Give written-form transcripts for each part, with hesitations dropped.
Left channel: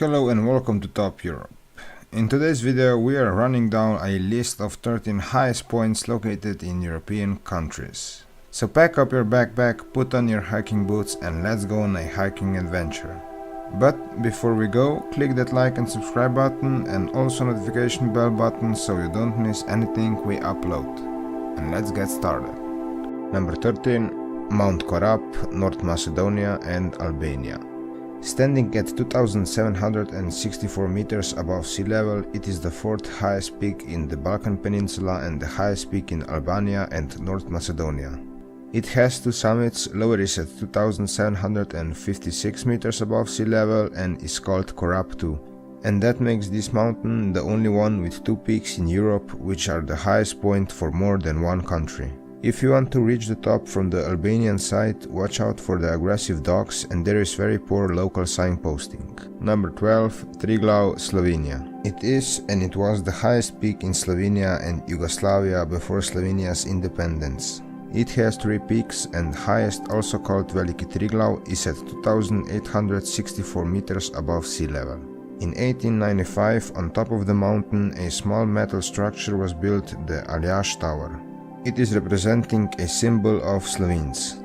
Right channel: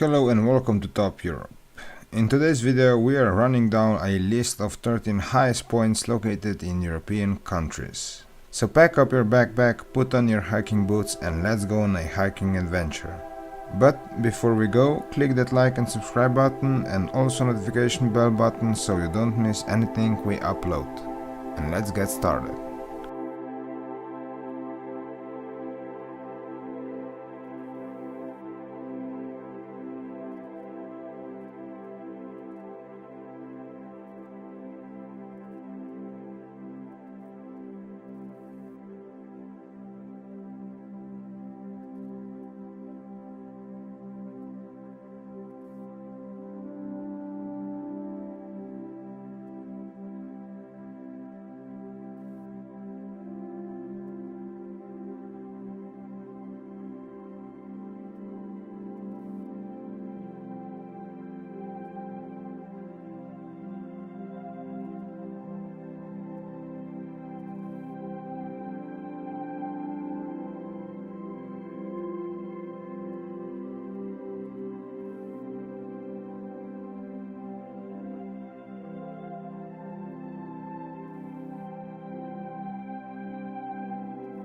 Hello and welcome to Top Europe. In today's video we are running down a list of 13 highest points located in European countries. So pack up your backpack, put on your hiking boots and let's go on a hiking adventure. But before we go, click that like and subscribe button and also notification bell button so you don't miss anything we upload. And let's get started. Number 13. Mount Korab, North Macedonia and Albania. Standing at 2,764 meters above sea level, it is the fourth highest peak in the Balkan Peninsula and the highest peak in Albania and North Macedonia. It has two summits, lower is at 2,756 meters above sea level and is called Korab 2. And that makes this mountain the only one with two peaks in Europe which are the highest point for more than one country. If you want to reach the top from the Albanian side, watch out for the aggressive dogs and there is very poor local signposting. Number 12. Triglav, Slovenia. It is and it was the highest peak in Slovenia and Yugoslavia before Slovenia's independence. It has three peaks and highest, also called Veliki Triglav, is at 2,864 meters above sea level. In 1895, on top of the mountain, a small metal structure was built, the Aljaž Tower. It is representing a symbol of Slovenes.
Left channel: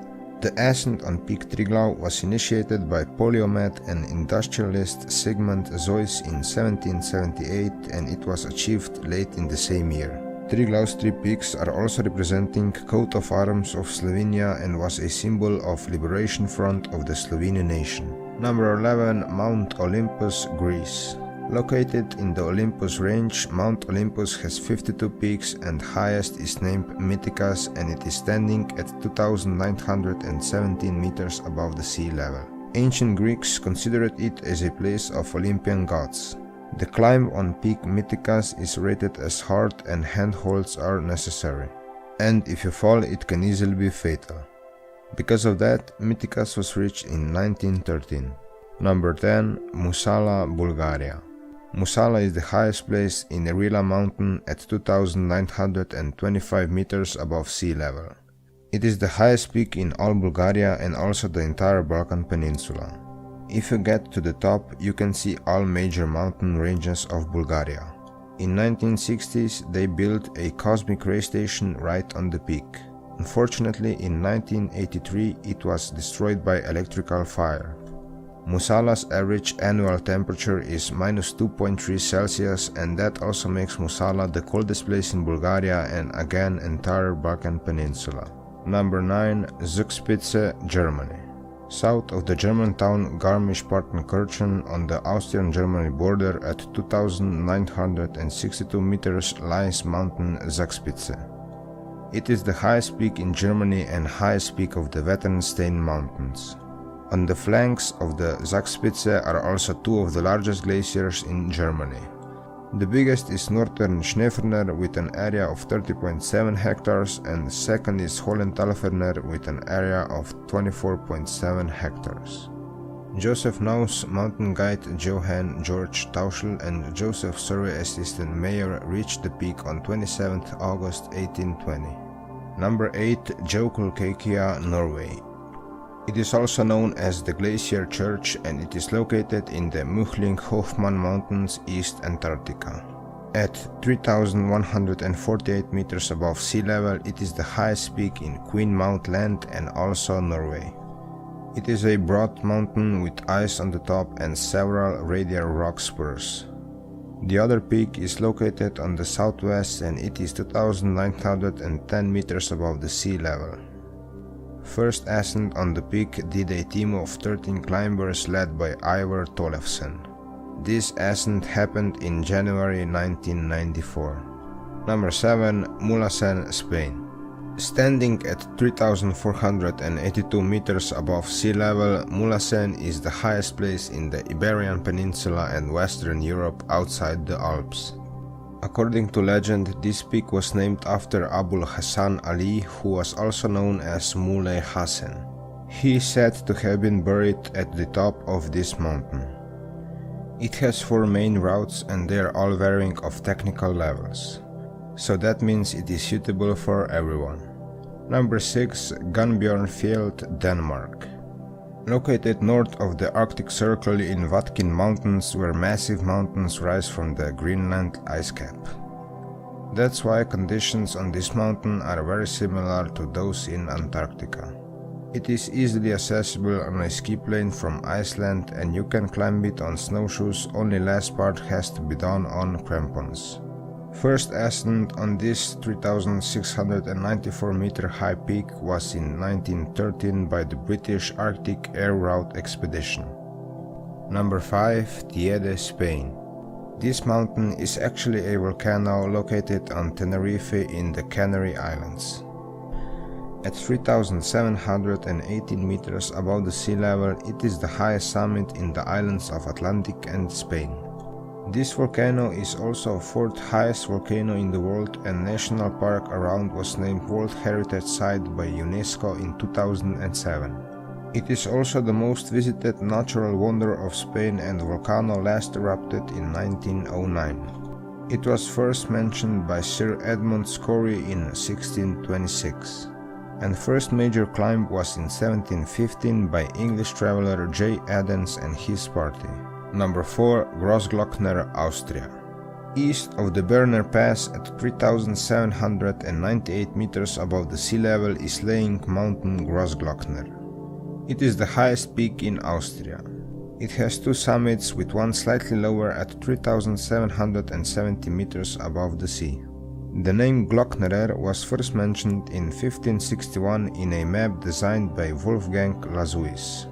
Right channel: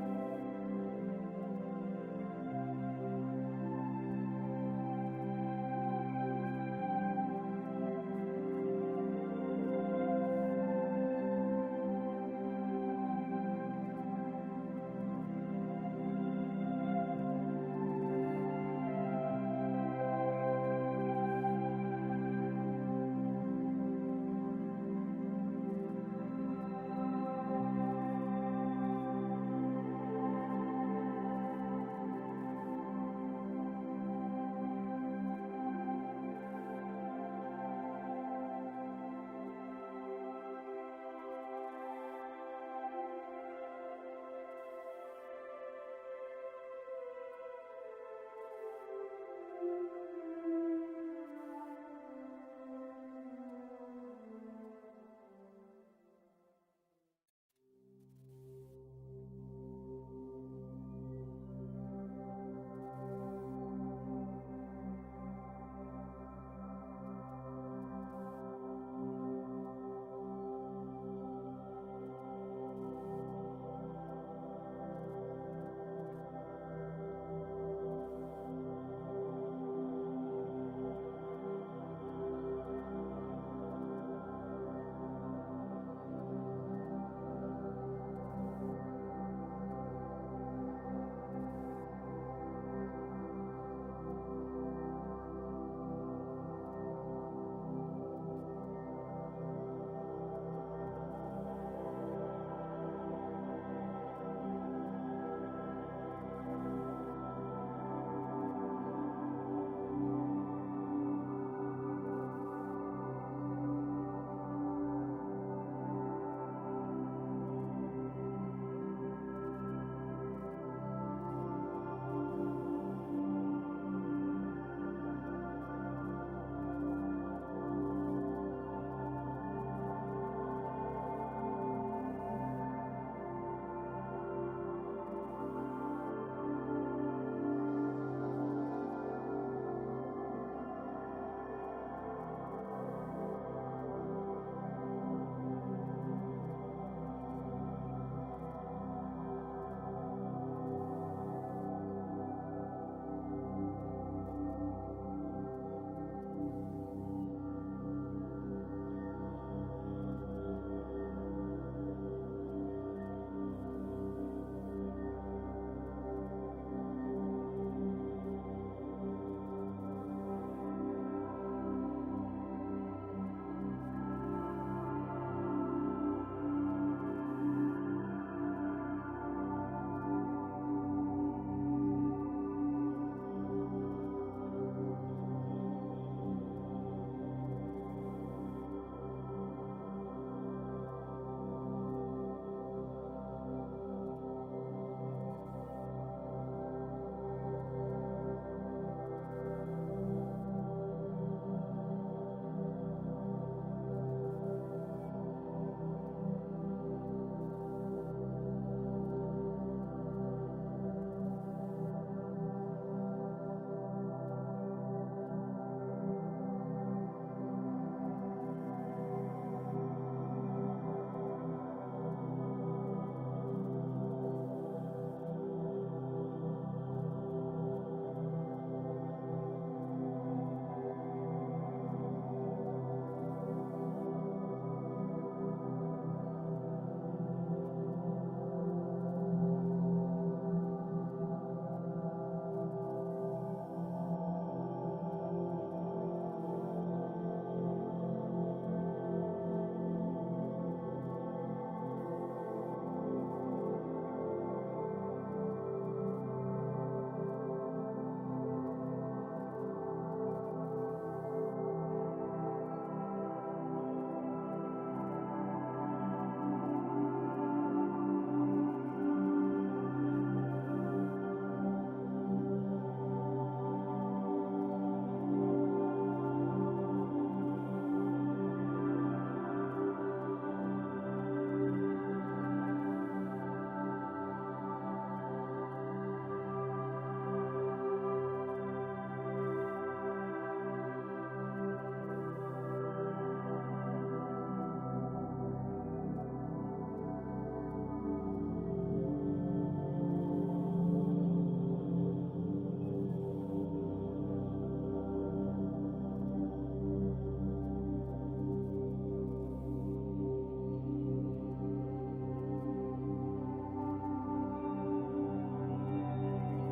The ascent on Peak Triglav was initiated by polymath and industrialist Sigmund Zois in 1778 and it was achieved late in the same year. Triglav's three peaks are also representing coat of arms of Slovenia and was a symbol of liberation front of the Slovene nation. Number 11. Mount Olympus, Greece. Located in the Olympus range, Mount Olympus has 52 peaks and highest is named Mythikas and it is standing at 2,917 meters above the sea level. Ancient Greeks considered it as a place of Olympian gods. The climb on Peak Mythikas is rated as hard and handholds are necessary. And if you fall it can easily be fatal. Because of that, Mythikas was reached in 1913. Number 10. Musala, Bulgaria. Musala is the highest place in the Rila mountain at 2,925 meters above sea level. It is the highest peak in all Bulgaria and also the entire Balkan Peninsula. If you get to the top, you can see all major mountain ranges of Bulgaria. In 1960s, they built a cosmic ray station right on the peak. Unfortunately, in 1983, it was destroyed by electrical fire. Musala's average annual temperature is minus 2.3 Celsius and that also makes Musala the coldest place in Bulgaria and again entire Balkan Peninsula. Number 9. Zugspitze, Germany. South of the German town Garmisch-Partenkirchen on the Austrian-Germany border at 2,962 meters lies mountain Zugspitze. It is the highest peak in Germany and highest peak of the Wetternstein Mountains. On the flanks of the Zugspitze are also two of the largest glaciers in Germany. The biggest is Northern Schneeferner with an area of 30.7 hectares and the second is Hohenthalferner with an area of 24.7 hectares. Joseph Naus, mountain guide Johann George Tauschl and Joseph survey assistant Mayer reached the peak on 27 August 1820. Number 8. Jøkulkyrkja, Norway. It is also known as the Glacier Church and it is located in the Muhling-Hofmann Mountains, East Antarctica. At 3,148 meters above sea level, it is the highest peak in Queen Mount Land and also Norway. It is a broad mountain with ice on the top and several radial rock spurs. The other peak is located on the southwest and it is 2,910 meters above the sea level. First ascent on the peak did a team of 13 climbers led by Ivar Tollefsen. This ascent happened in January 1994. Number 7. Mulhacen, Spain. Standing at 3,482 meters above sea level, Mulhacen is the highest place in the Iberian Peninsula and Western Europe outside the Alps. According to legend, this peak was named after Abul Hasan Ali, who was also known as Mulhacen. He is said to have been buried at the top of this mountain. It has four main routes and they are all varying of technical levels. So that means it is suitable for everyone. Number 6. Gunnbojrn Fjeld, Denmark. Located north of the Arctic Circle in Vatkin Mountains, where massive mountains rise from the Greenland ice cap. That's why conditions on this mountain are very similar to those in Antarctica. It is easily accessible on a ski plane from Iceland, and you can climb it on snowshoes, only last part has to be done on crampons. First ascent on this 3,694 meter high peak was in 1913 by the British Arctic Air Route Expedition. Number 5. Teide, Spain. This mountain is actually a volcano located on Tenerife in the Canary Islands. At 3,718 meters above the sea level, it is the highest summit in the islands of Atlantic and Spain. This volcano is also the fourth highest volcano in the world, and national park around was named World Heritage Site by UNESCO in 2007. It is also the most visited natural wonder of Spain, and the volcano last erupted in 1909. It was first mentioned by Sir Edmund Scory in 1626. And first major climb was in 1715 by English traveler J. Adams and his party. Number 4. Großglockner, Austria. East of the Berner Pass at 3,798 meters above the sea level is lying Mountain Großglockner. It is the highest peak in Austria. It has two summits, with one slightly lower at 3,770 meters above the sea. The name Glocknerer was first mentioned in 1561 in a map designed by Wolfgang Lazuis,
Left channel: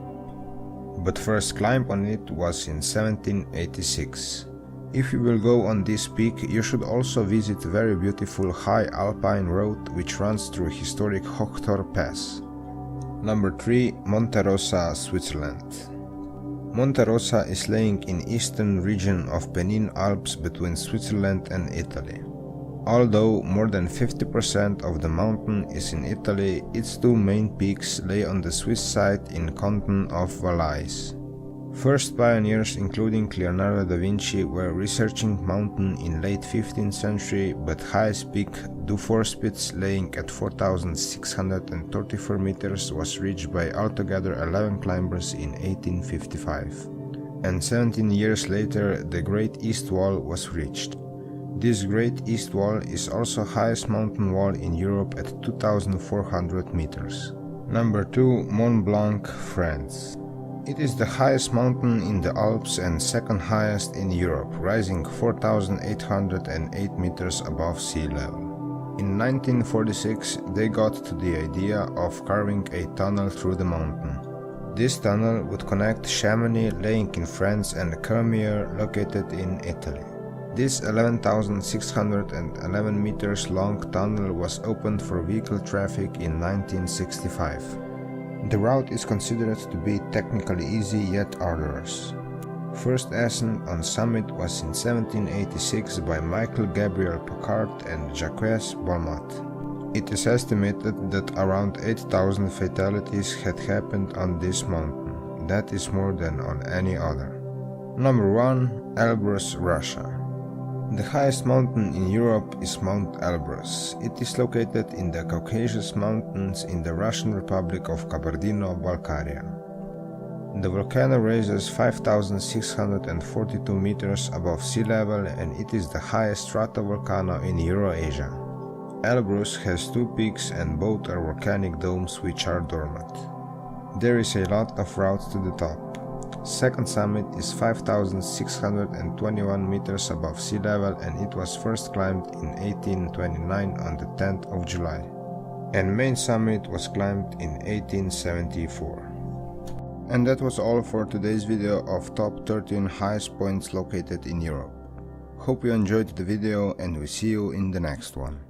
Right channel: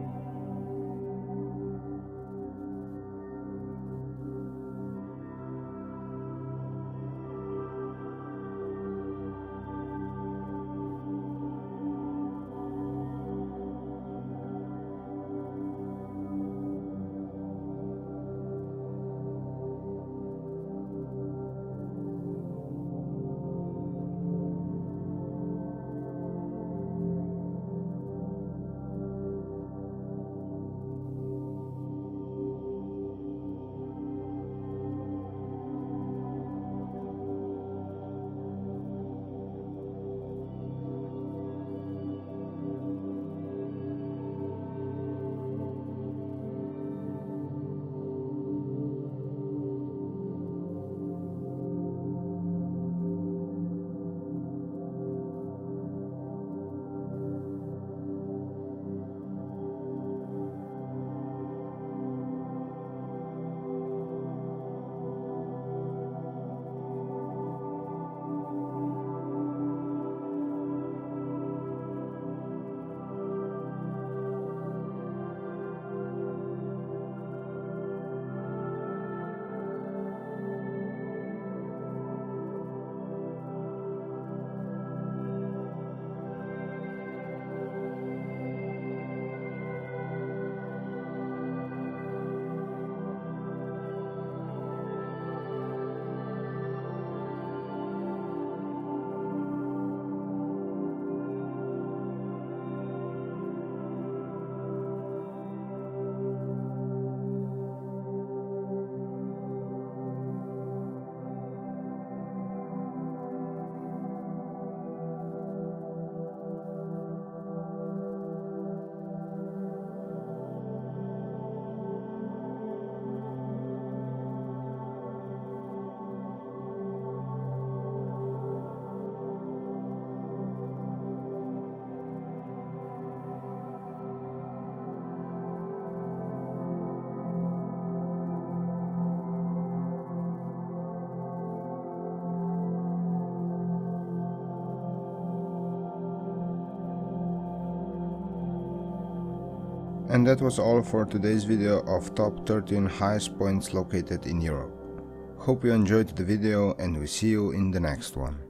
but first climb on it was in 1786. If you will go on this peak, you should also visit the very beautiful high alpine road which runs through historic Hochtor Pass. Number 3. Monte Rosa, Switzerland. Monte Rosa is lying in eastern region of Pennine Alps between Switzerland and Italy. Although more than 50% of the mountain is in Italy, its two main peaks lay on the Swiss side in canton of Valais. First pioneers, including Leonardo da Vinci, were researching mountain in late 15th century, but highest peak, Zugspitze, laying at 4,634 meters, was reached by altogether 11 climbers in 1855. And 17 years later, the Great East Wall was reached. This Great East Wall is also highest mountain wall in Europe at 2,400 meters. Number 2. Mont Blanc, France. It is the highest mountain in the Alps and second highest in Europe, rising 4,808 meters above sea level. In 1946, they got to the idea of carving a tunnel through the mountain. This tunnel would connect Chamonix, lying in France, and Cormier, located in Italy. This 11,611 meters long tunnel was opened for vehicle traffic in 1965. The route is considered to be technically easy yet arduous. First ascent on summit was in 1786 by Michael Gabriel Pocard and Jacques Balmat. It is estimated that around 8,000 fatalities had happened on this mountain. That is more than on any other. Number 1. Elbrus, Russia. The highest mountain in Europe is Mount Elbrus. It is located in the Caucasus Mountains in the Russian Republic of Kabardino-Balkaria. The volcano rises 5,642 meters above sea level, and it is the highest stratovolcano in Eurasia. Elbrus has two peaks, and both are volcanic domes which are dormant. There is a lot of routes to the top. Second summit is 5,621 meters above sea level, and it was first climbed in 1829 on the 10th of July. And main summit was climbed in 1874. And that was all for today's video of top 13 highest points located in Europe. Hope you enjoyed the video, and we see you in the next one.